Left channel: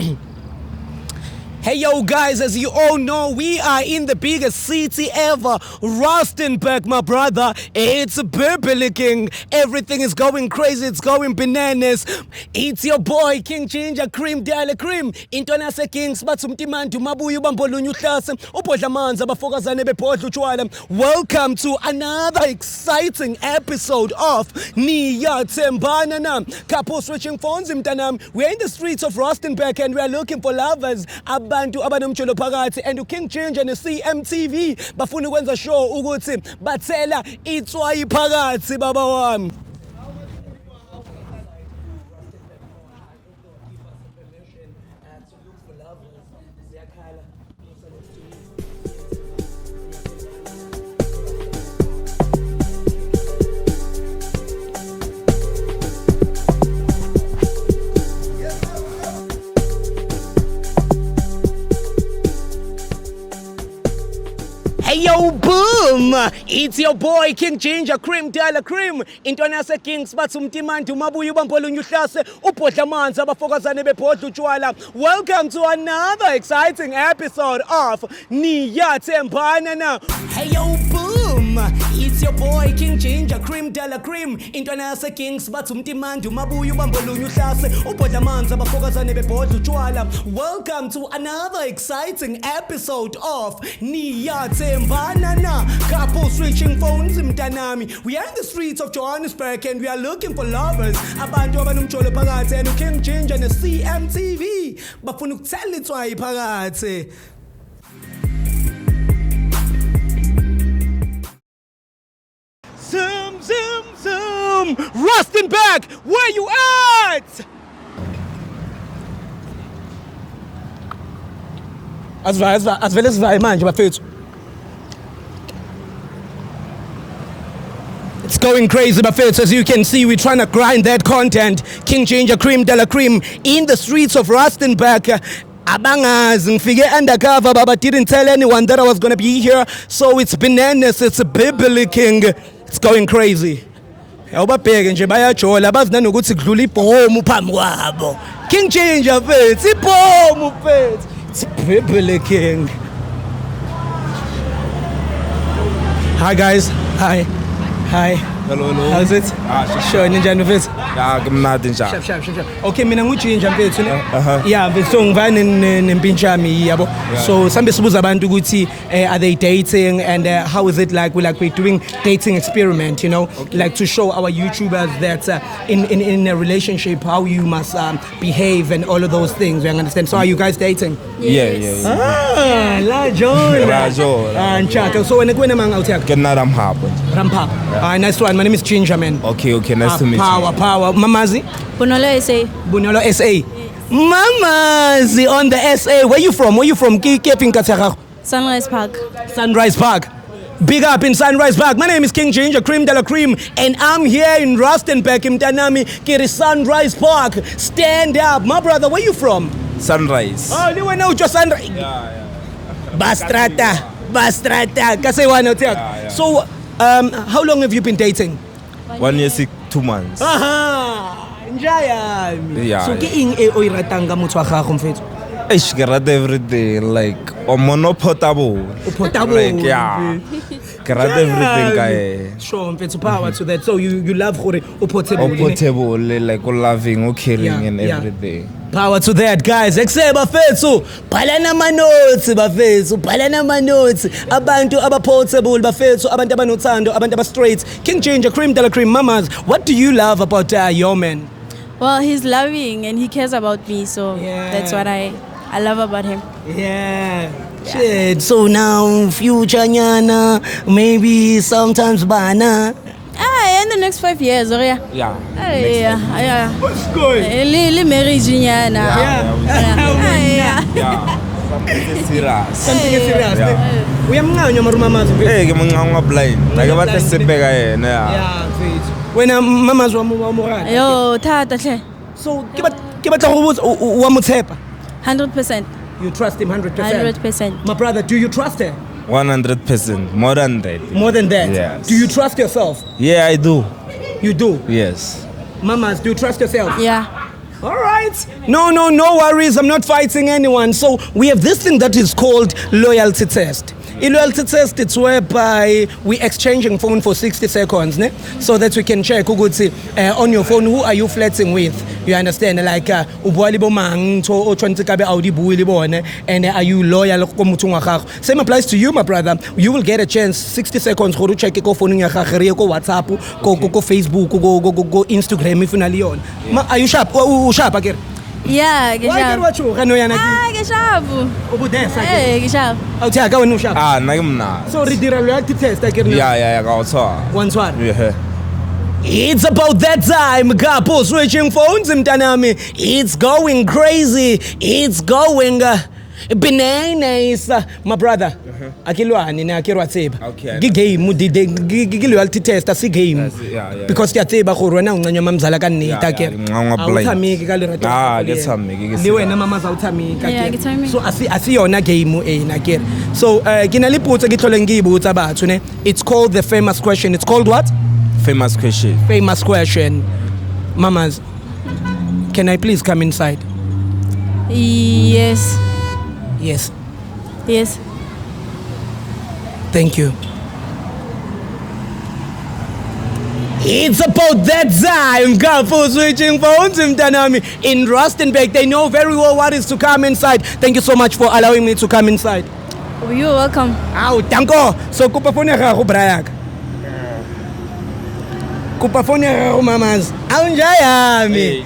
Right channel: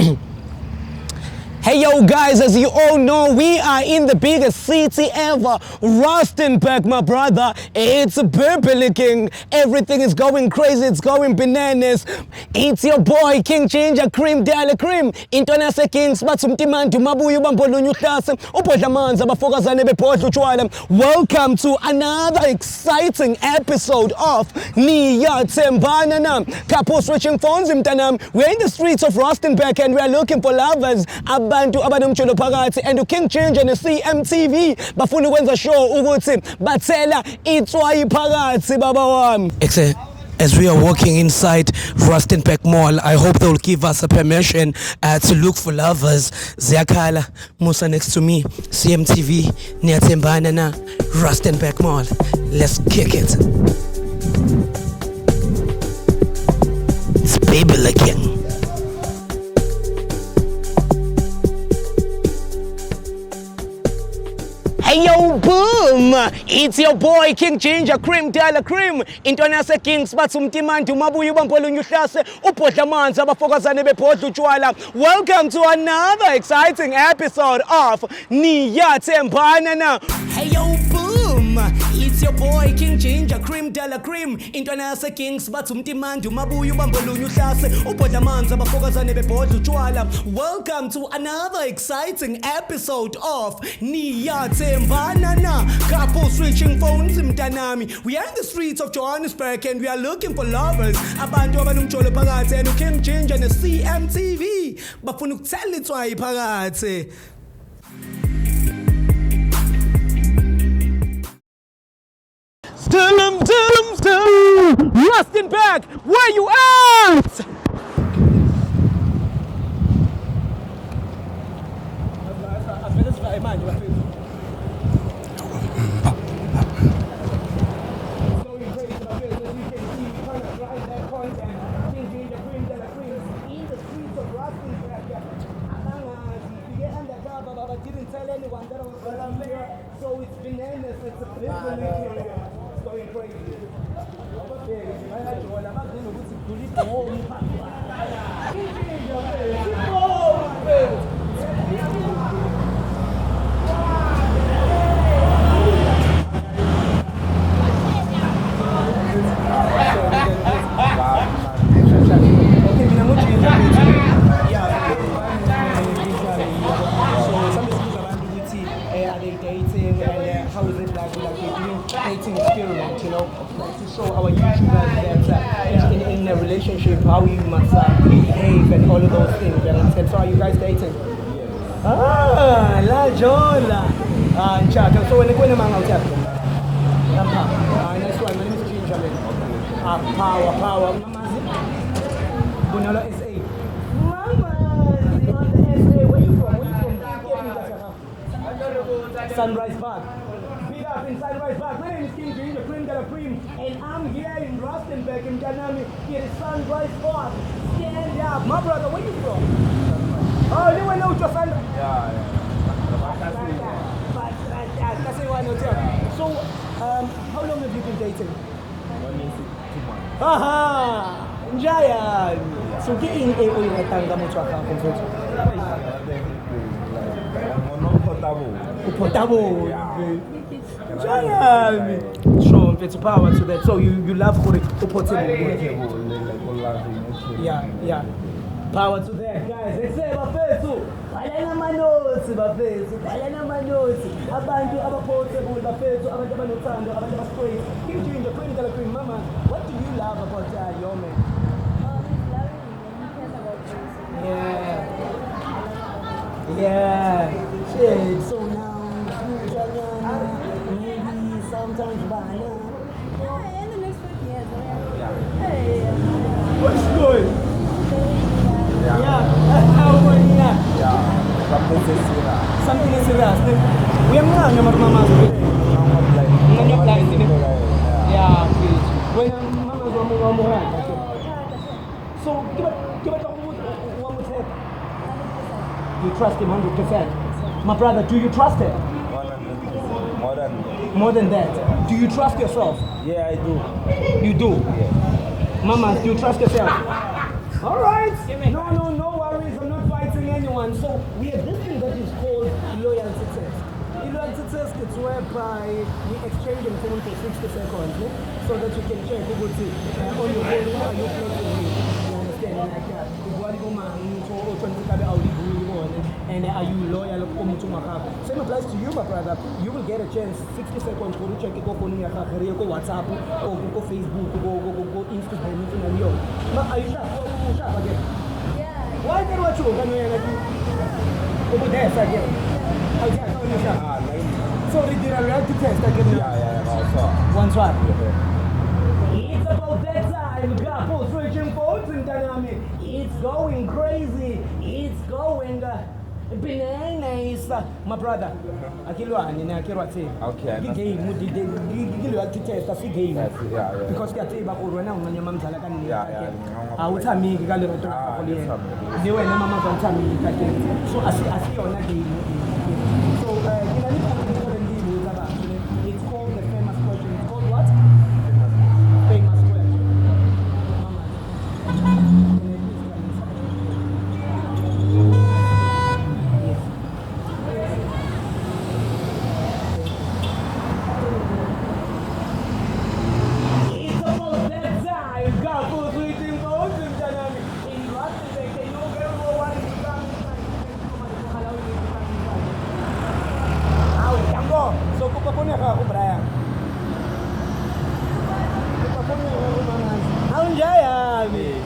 Hey yo guys, as you all know, we are in the biggest city ever, Rustenburg, my brother. It's Bibliking. Everything is going crazy, it's going bananas. It's your boy King Ginger Cream Dale Cream. Intona se Kings batsumtimantu mabuyu bambolunyu hlase ubhodla manzi abafokazane bebhodla utshwala. Welcome to another exciting episode of Niyathembana Nam. Couple switching phones mtanam. We're in the streets of Rustenburg and we are looking for lovers. Abantu abanomtsholo phakathi and King Ginger ne-CMTV bafuna ukwenza show ukuthi bathela itswayi phakathi baba wami. As we are walking inside Rustenburg Mall, I hope they'll give us a permission to look for lovers. Ziyakhala Musa next to me, CMTV, Niyathembana na Rustenburg Mall. Let's kick it. It's Bibliking. Hey yo, boom! It's your boy King Ginger Cream Dala Cream. Intona se Kings batsumtimantu mabuyu bambolunyu hlase ubhodla manzi abafokazane bebhodla utshwala. Welcome to another exciting episode of Niyathembana Na. Hey yo, boom! It's your boy King Ginger Cream Dala Cream. Intona se Kings batsumtimantu mabuyu bambolunyu hlase ubhodla manzi abafokazane bebhodla utshwala. Welcome to another exciting episode of Niyathembana Na. Couple switching phones mtanami. We are in the streets of Johannesburg and we are looking for lovers. Abantu abanomtsholo phakathi and King Ginger ne-CMTV bafuna ukuthela itswayi phakathi. Zoom, Rustenburg, where you at? Asivele sivaye manje bafethu. It's going crazy, bafethu. As you can see, we're trying to grind that content. King Ginger Cream Dala Cream in the streets of Rustenburg. Abangazi ngifike undercover but didn't tell anyone that I was going to be here. So it's bananas, it's a Bibliking. It's going crazy. Awubabheke nje bayajola bazi nanokuthi kudlula ibhomu phambi kwabo. King Ginger mfethu, ibhomu mfethu. It's Bibliking. Hi guys. Hi. Hello. How's it? Sure, ninjani mfethu? Kumnandi njani. Okay, mina nguGinger mfethu. Yeah, so ngivane nempintshami yabo. So sambe sibuza abantu ukuthi are they dating and how is it like we're doing dating experiment, you know, like to show our YouTubers that in a relationship how you must behave and all of those things. You understand? So are you guys dating? Yes. La John. Nchaka. So when manga utheka? Kena Rampap. Nice one. My name is Ginger, man. Okay, nice to meet you. Power. Mamazi? Bunolo SA. Mamazi on the SA. Where you from? Sunrise Park. Big up in Sunrise Park. My name is King Ginger Cream Dala Cream and I'm here in Rustenburg in Mtanami, Kiri Sunrise Park. Stand up. My brother, where you from? Sunrise. Oh, do we know just Sunrise? Yeah. Bastrata. Kasewana hotel. Yeah. So, how long have you been dating? 1 year, 2 months. Yeah. So, ke eng e o e ratang ka motho wa gago mfethu? Ke rata everything like portable. Like yeah. Ke rata everything ka. Sure, mfethu, power to that. So you love gore o portable. Portable like loving, caring and everything. Power to that, guys. Ekuse bafethu, bhalana ama notes. Abantu aba-portable bafethu, abantu abanothando, abantu aba-straight. King Ginger Cream Dala Cream Mamas, what do you love about your man? Well, he's loving and he cares about me, so that's what I love about him. Yeah. Shit. So now, future nyana, maybe sometimes bana. In the next 5 years, or yeah. Yeah. What's good? Marriage nyana. Something serious. We are mama. Hey, ke mnganga blind. Like batla sepe ka yena. Yeah. When mama's wa mo. Yo, thata hle. So, ke batla go botsa wa mo tshepa. 100%. You trust him 100%? 100%. My brother, do you trust him? 100%. More than that. More than that? Yes. Do you trust yourself? Yeah, I do. You do? Yes. Mamas, do you trust yourself? Yeah. All right. No worries. I'm not fighting anyone. So we have this thing that is called loyalty test. In loyalty test, it's whereby we exchanging phone for 60 seconds, ne? So that we can check on your phone, who are you flirting with? You understand? Like, and are you loyal? Same applies to you, my brother. You will get a chance, 60 seconds, to check your phone, go WhatsApp, go Facebook, go Instagram, if you're on. Are you sharp? Sharp again? Yeah, get sharp. Get sharp. Hey, get sharp. So the reality test again. Yeah, One sword. Yeah. It's about that time, Kapo switching phones, mtanami. It's going crazy. It's going bananas, my brother. Akilwani na akirwa tseba. Game di loyalty test asi game. Because ya tseba go rona uncanya mamzala ka nneta ke. Awuthamiki ka lerato. Get some. Di wena mama zawuthamika. Yeah, get time. So asi yona game na ke. So ke na le potso ke tlhole ngibutsa batho ne. It's called the famous question. It's called what? Famous question. Famous question. Mamas, can I please come inside? Yes. Yes. Yes. Thank you. It's about that time. Kapo switching phones in Rustenburg. They know very well what is to come inside. Thank you so much for allowing me to come inside. You're welcome. Ow, danko. So kupa phone ya gago Brian. Kupa phone ya gago mamas. Awunjayami.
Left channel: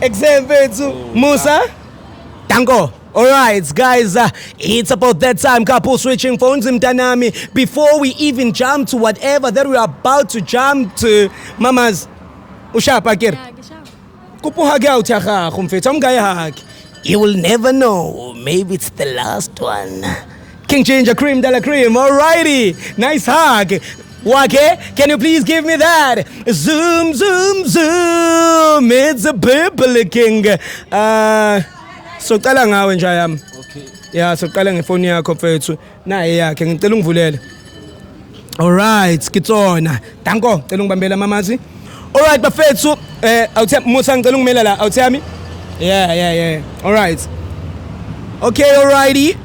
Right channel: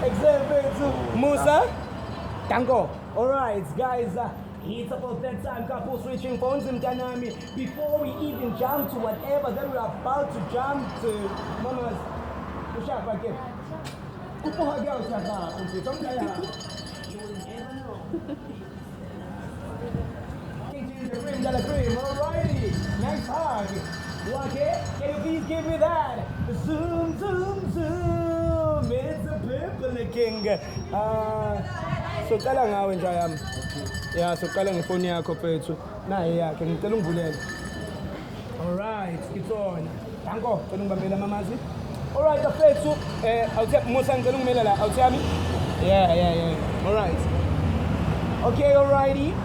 Example Musa. Danko. Alright, guys, it's about that time. Kapo switching phones in Tanami. Before we even jump to whatever that we're about to jump to, mamas, ushapa kir. Kupo hagi out ya kumfetam gaya hag. You will never know. Maybe it's the last one. King Changer Cream de la Cream. Alrighty, nice hug. Wake, can you please give me that? Zoom, zoom, zoom. It's a purple king. So qala ngawe nje yami. Okay. Yeah, so qala ngefoni yakho mfethu. Naye yakhe ngicela ungivulele. All right, skitsona. Danko, ngicela ungibambela mamazi. All right, bafethu, awuthe Musa ngicela ungimela la, awuthami? Yeah. All right. Okay, alrighty.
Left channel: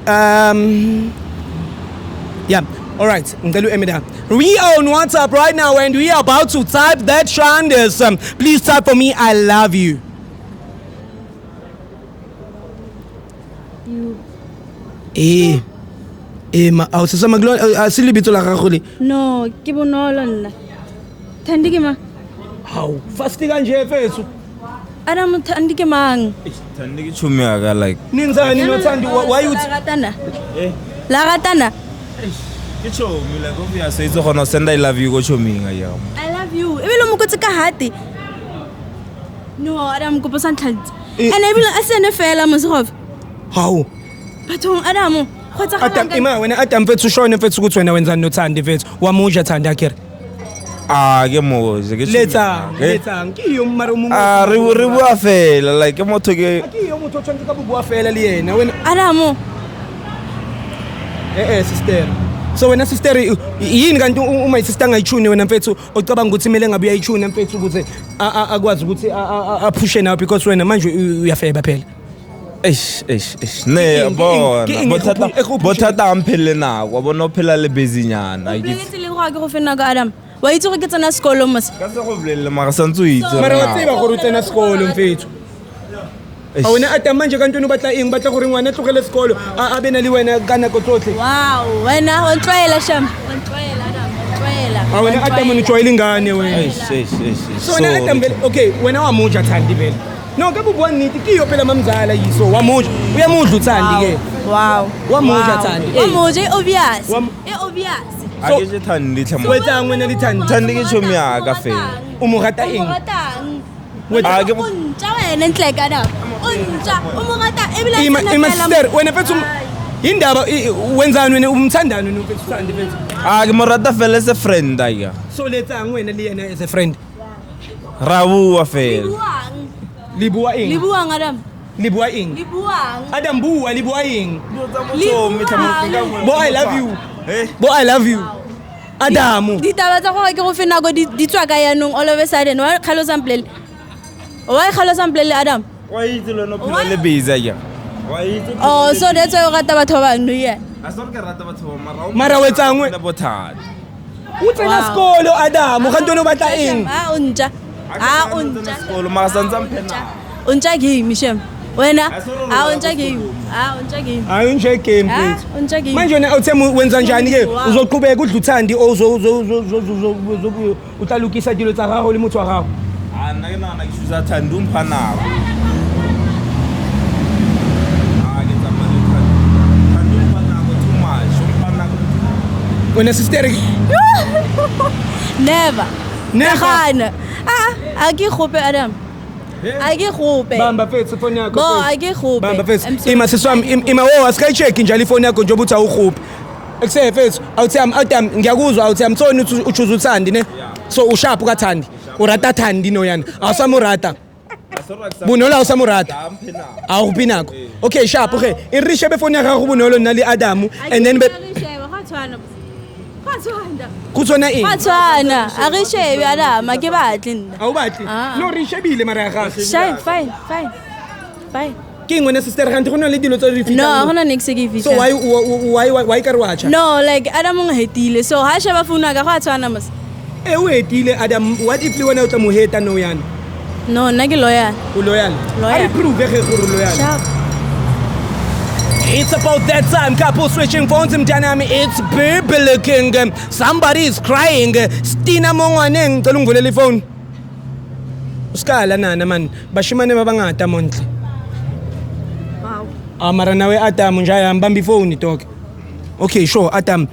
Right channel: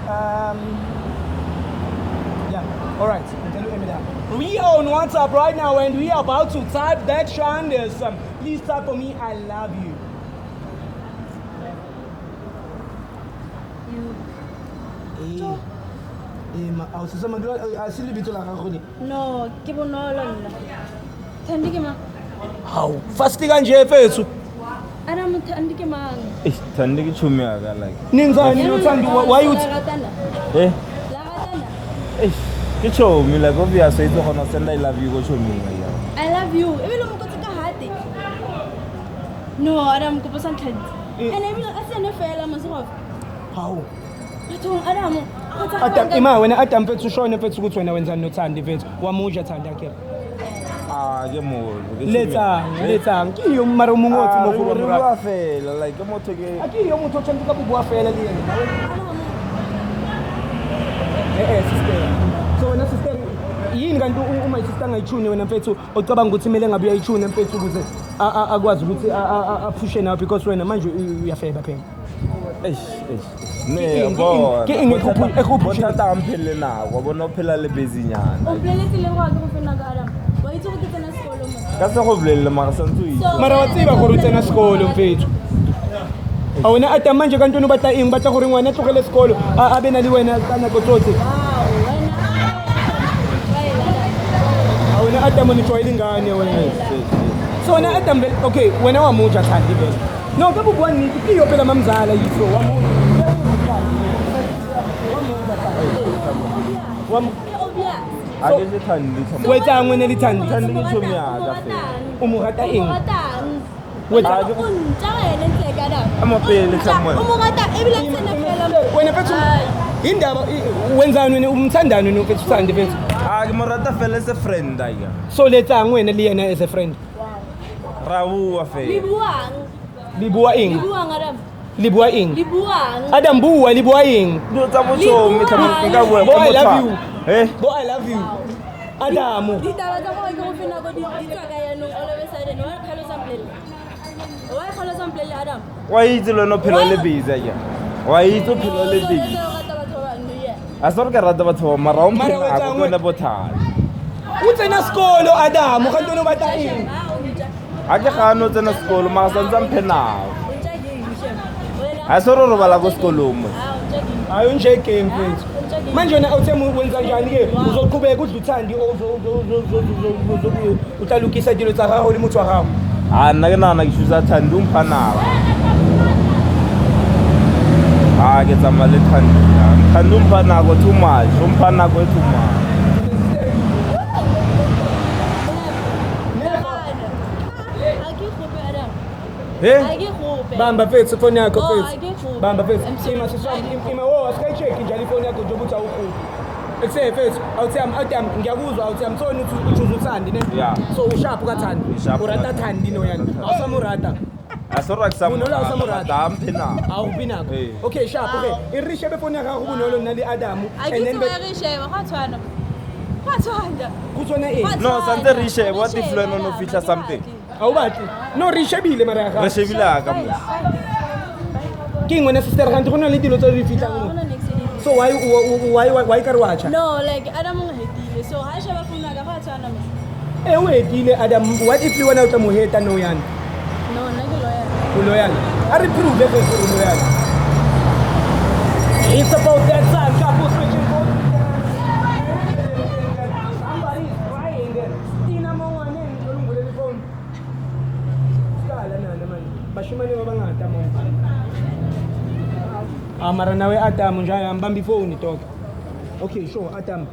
Yeah. All right. Ngicela uEmida. We on WhatsApp right now and we are about to type that Shanders. Please type for me I love you. Awusisa maglo asilibito la gago le. No, ke bonolo nna. Thandi ke ma. How? Fast kanje fethu. Adam thandi ke mang? Thandi ke chumi aka like. Ninzani nothandi why you Lagatana. Lagatana. Ke chumi like obviously it's gonna send I love you go chumi nga ya. I love you. Ebile mo kotse ka hati. No, Adam ko posa ntlhantsi. And ebile a sene fela mo segof. How? Bathong Adam Adam ima wena Adam mfethu shone mfethu ukuthi wena wenzani nothandi mfethu wamuja thanda akere ke moze ke letsa ngiyo mara umungu re bua fela like motho ke akiyo motho tshwanetse ka bua fela le yena wena Adam sister so wena sister yini kanti uma isister ngayichune wena mfethu ocabanga ukuthi kumele ngabe uyayichuna mfethu ukuthi akwazi ukuthi apushe nawe because wena manje uyafeba phela ne bothata amphele nako bona phela le bezinyana ke le go go fena ka Adam wa itse go ke tsena sekolo mos ka sa go bolelle mara santse o itse mara wa tseba gore tsena sekolo mfethu a wena Adam manje kanti no batla eng batla gore ngwana tlogele sekolo a bena le wena ka nako tsotlhe wow wena o tshwaela sham a wena Adam no tshwaela ingane wena so wena Adam okay wena wa muja thandi vele no ke bubua nnete ke yo phela mamzala yiso wa moja uyamudla uthandi ke wow wa moja thandi wa moja obvious ake je thandi tlhamo wetsa ngwena le thandi ke chomi aka fela mo rata eng wetsa ke unta wena ntle ka da mo rata ebile ima sister wena fethu indaba wenzani wena umthandano nofethu thandi fethu ke mo rata fela as a friend aya so letsa ngwena le yena as a friend rabu wa fela Libua ing. Libuang Adam. Libua ing. Libuang. Adam bua libua ing. Bo I love you. Bo I love you. Adam. Ditaba tsa go ke go fena go di tswa ka yanong all of a sudden wa khalo sample. Wa khalo sample Adam. Why itse lo no phela le busy ya? Why itse? Oh, so that's why o rata batho ba bang no yeah. A sorry ka rata batho mara Mara wetsang na bothata. O tsena sekolo Adam ga ntono batla eng O ntja A ka no tsena sekolo ma sa ntse mphena. o ntja game shem wena A sorry ro bala ko sekolong. o ntja game ayo nje game o ntja game manje wena uthe wenza njani ke uzoqhubeka udla uthandi utalukisa dilo tsa gago le motho wa gago A nna ke nana ke shusa Thandu mphana. A ke tsamale Thandu mphana go too much, mphana go too much. wena sister never Never? Gana a ke gope Adam a ke gope bamba fethu phone yakho Bo fethu. a ke gope bamba fethu ima siswami ima asikayi check njalo ifone yakho njengoba uthi awukhuphi ekuse fethu awuthi ngiyakuzwa awuthi amthoni uchuza uthandi ne Yeah. so usharp kathandi urata thandi no yana awusamurata A sorry ka Bonolo usamurata mphena. awuphi nakho okay sharp okay irishe befone yakho bonolo nali Adamu and then kuthona ini Khatswana a re shebe Adam a ke batle nna awubathi no rishebile mara ya gago fine ke ngwana sister ganti go na le dilo tse di no fitang gona next ke so fitla why ka re watcha no like Adam o hetile so ha sheba phone ka khatswana mos o hetile Adam what if le wena o tla mo heta no yana no nna ke loyal o loyal Loyal. a re prove ge o loyal sharp It's about that time, couple switching phones in Tanami. It's people looking. Somebody is crying. Stina Mongwaneng, Tolunguleli phone. Skala na naman. Bashimane mabangata monthly. Mara nawe Adam njaya mbambi phone talk. Okay, sure, Adam.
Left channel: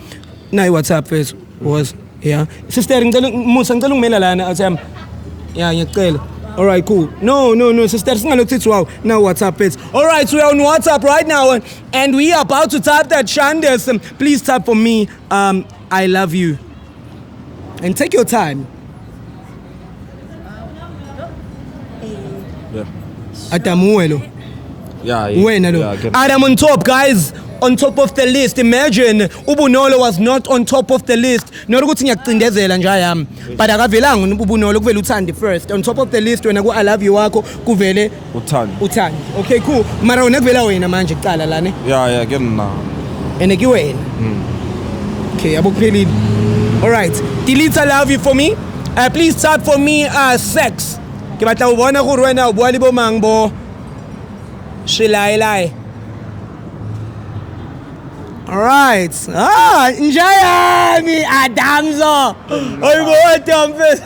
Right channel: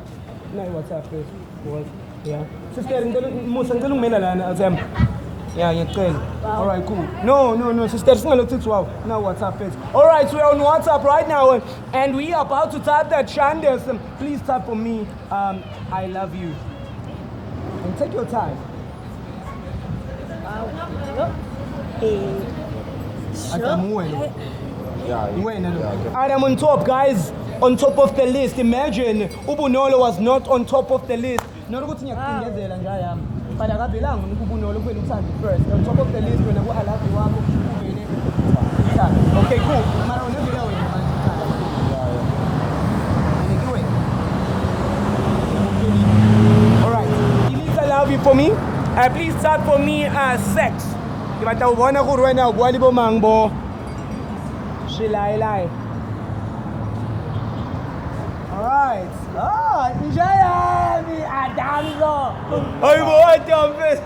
Now WhatsApp first was yeah. Sister ngicela musa ngicela ungimela lana Adam. Yeah, ngiyacela. All right, cool. No, sister, singalokho wow. Now WhatsApp is. All right, so we're on WhatsApp right now and we are about to type that Shandes. Please type for me I love you. And take your time. Adamuelo. Yeah. Wena lo. Adam on top, guys. On top of the list. Imagine Ubunolo was not on top of the list. Not ukuthi ngiyacindezela nje ayami. But akavelanga Ubunolo kuvela uthandi first. On top of the list wena ku I love you wakho kuvele uthandi. Okay, cool. Mara wena kuvela wena manje kuqala la ne. Yeah, ke nna. Ene ke wena. Okay, abukuphelile. All right. Delete I love you for me. Please type for me sex. Ke batla o bona gore wena o bua le bo mang bo. Shilai. Alright. Njayami Adamzo. Hayibo Adam face.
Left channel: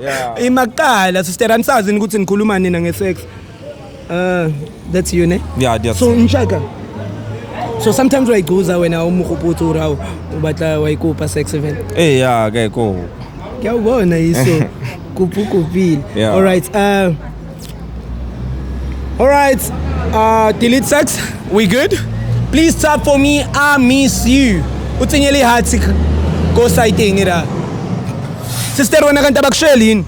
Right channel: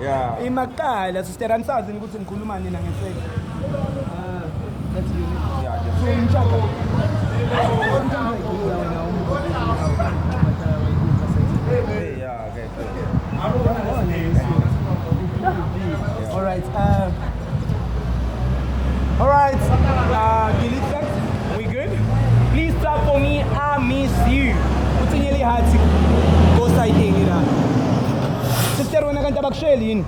Yeah. Imakala sister ansazi ukuthi nikhuluma nina ngesex. That's you ne? Yeah, that's. So nshaka. So sometimes wayiguza wena umukhuphuthu rawo ubatla wayikupa sex event. Yeah, ke ko. Ngiyabona yise kuphi. Yeah. All right. Delete sex. We good? Please type for me I miss you. Utsenyele heart go sighting ira. Sister wena kanti abakusheli.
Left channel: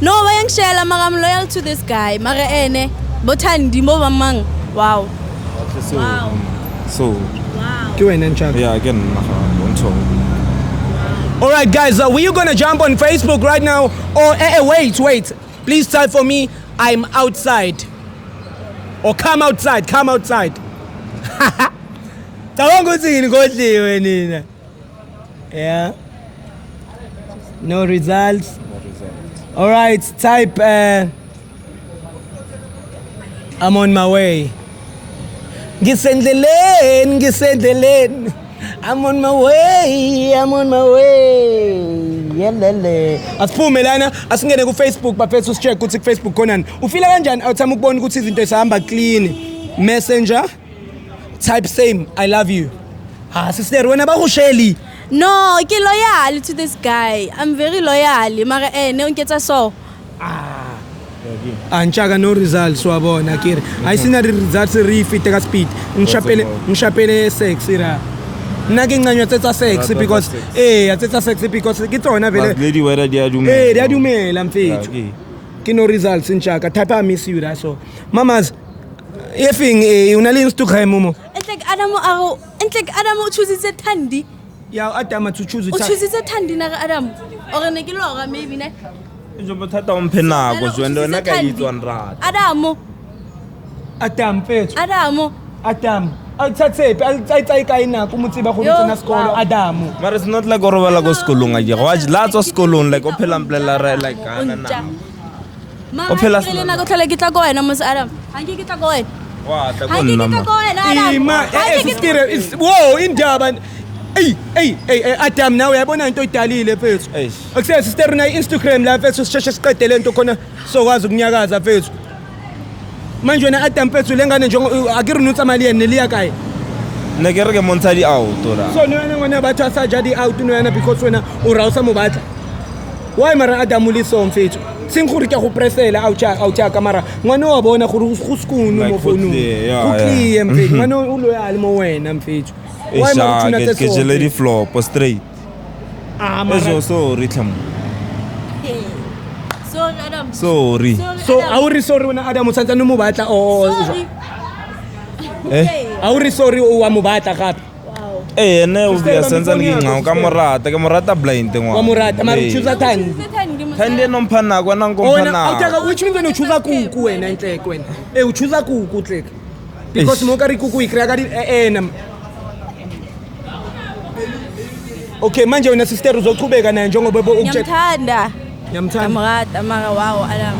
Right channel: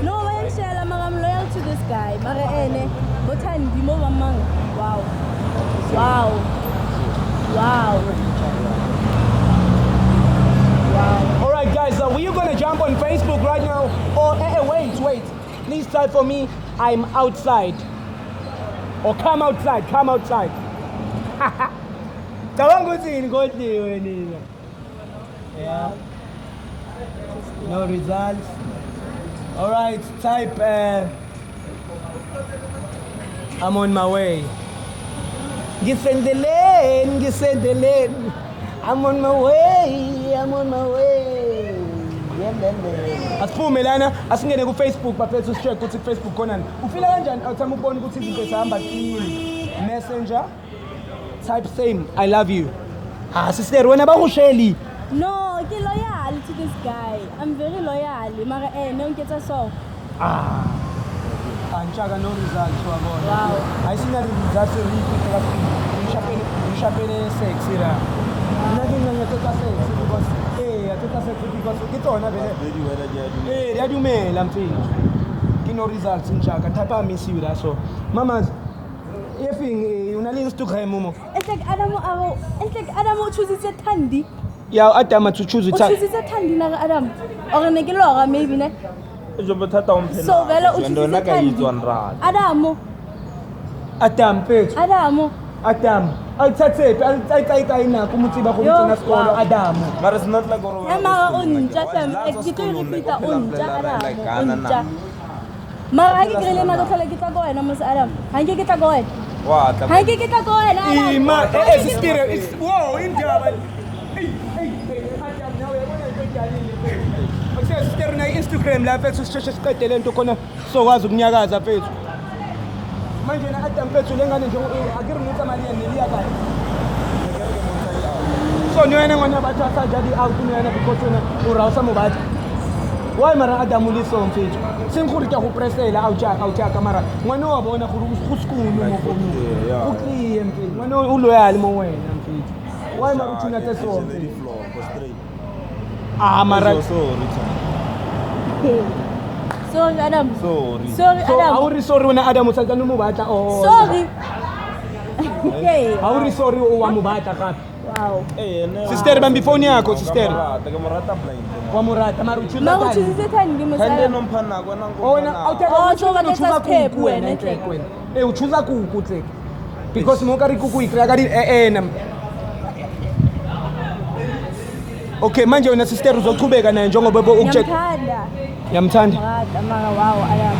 no bayangishela maka I'm loyal to this guy maka ene bothandi mo bamang wow So. wow Ke wena njani? Yeah, again. On top. All right, guys, we are gonna jump on Facebook right now. Or wait. Please type for me. I'm outside. Or come outside. Yeah. No results. All right. Type. I'm on my way. Ngisendleleni. I'm on my way. Yelele. Asiphume lana asingene ku Facebook bafethu usicheck ukuthi ku Facebook khonani. Ufila kanjani awuthama ukubona ukuthi izinto zihamba clean. Messenger type same I love you. Sister wena bakusheli. no ke loyal to this guy I'm very loyal maka ene unketsa so Anchaka no results wabona kiri. Ayisina results refit ka speed. Ngishapele sex ira. Nna ke nqanywa tsetsa sex because tsetsa sex because ke tsona vele. Lady whether they are doing. They are dumela mfethu. Ke no results nchaka type I miss you that so. Mamas efing una le Instagram mo. enhle Adam o choositse Thandi Ya Adam to choose it. o choositse Thandi na Adam or ne ke lora maybe ne njengoba uthatha umphenako zwena nakayitwa nrata Adam mfethu Adamu Adam awuthathephi ayitsayika inako umuthi ba go tsena sekolo Adamu mara it's not like o robala ko sekolong a je watch lots of sekolong like o phela mplela re like kana na o phela ile na go tlhela ke tla go wena mos Adam ha ke tla go wena wa tla ha ko ke nna tla go wena Adam ima esistire wo indaba Hey Adam nawe uyabona into idalile mfethu akusese sister na Instagram la mfethu sisheshe siqede lento khona sokwazi ukunyakaza mfethu manje wena Adam mfethu lengane nje akiri nutsa mali yena neliya kae ne ke re ke montsha di auto la so no yana ngwana batho sa ja di out no yana because wena o rausa mo batla why mara Adam le so mfethu seng gore ke go presela au cha kamera ngwana wa bona gore go skunu mo phone go clear mfethu ngwana o loyal mo wena mfethu why mara tuna tse ke jele di floor po straight mara so rhythm so Adam sorry so auri sorry wena Adam utsantsa no mo batla sorry auri sorry o wa mo batla gape ene sister ba mphone yako ke morata blind ngwa wa morata mara choose time thande no mphanako na ngomphanako awutaka which one uchuza kuku wena inhleko wena uchuza kuku hle because mo ka ri kuku ikrea ka di okay manje wena sister uzochubeka naye njengoba ngiyamthanda ngiyamthanda amrata mara wow Adam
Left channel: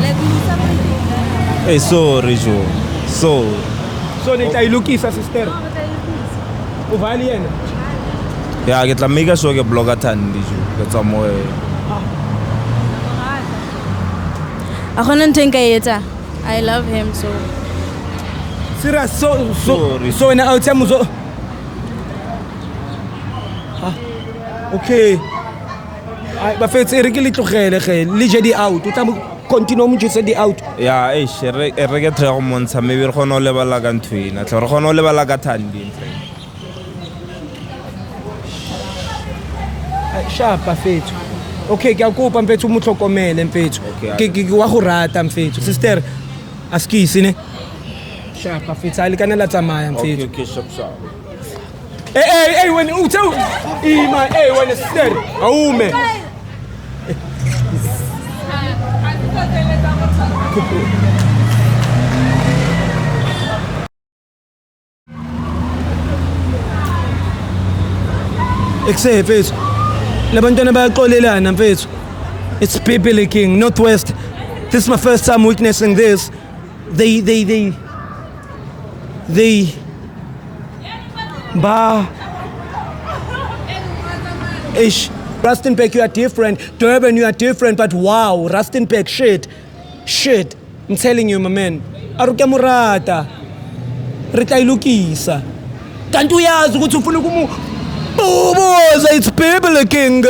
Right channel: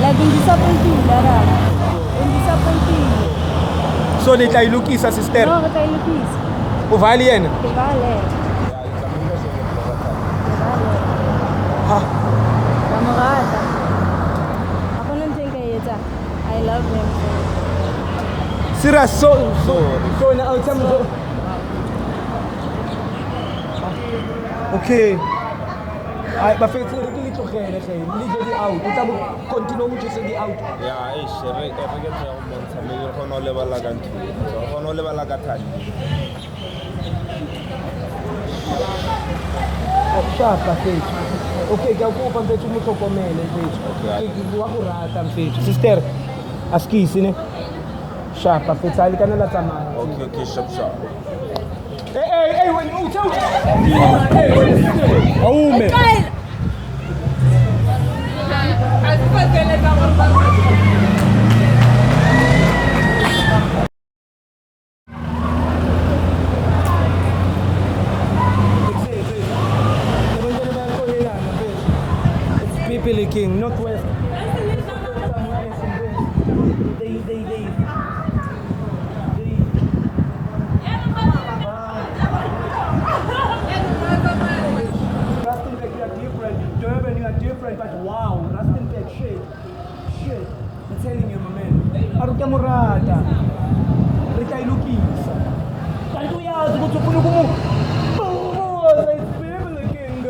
like ngidisappointed Adam sorry so le tla ilukisa sister uvali yena ya ke tla make sure ke blogger thandi go tsa mo a gona nteng ka etsa I love him so serious so na out muzo okay ai ba fetse re ke le tlogele ge le je di out o tla continue mo jese di out ya re ke tla go montsha maybe re gona o lebala ka ntwena tla re gona o lebala ka thandi shapa fethu okay ke a kopa mfethu mo tlhokomele mfethu ke wa go rata mfethu sister askisi ne shapa fethu ali kana la tsamaya mfethu okay shop when uthe ima when sister awume Except fethu labantwana bayaxolelana mfethu it's people king Northwest this is my first time witnessing this they ba ish Rustenburg you are different Durban you are different but wow Rustenburg shit I'm telling you my man aruke murata re tla ilukisa kanti uyazi ukuthi ufuna it's people king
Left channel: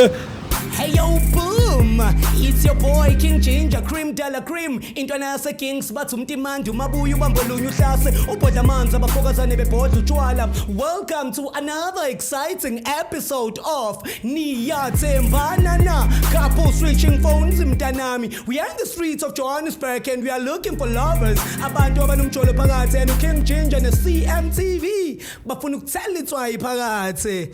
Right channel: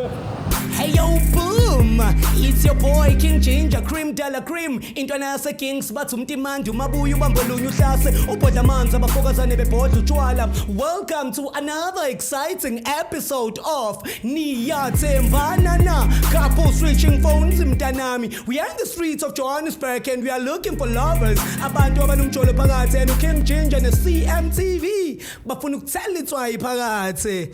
hey yo boom it's your boy King Ginger Cream Dala Cream intwana yase Kings bathi umtimandi umabuya ubambolunya uhlase ubhodla amanzi abafokazane bebhodla utshwala welcome to another exciting episode of Niyathembana na couple switching phones mntanami we are in the streets of Johannesburg and we are looking for lovers abantu abanomjolo phakathi and King Ginger ne CMTV bafuna ukuthela itswayi phakathi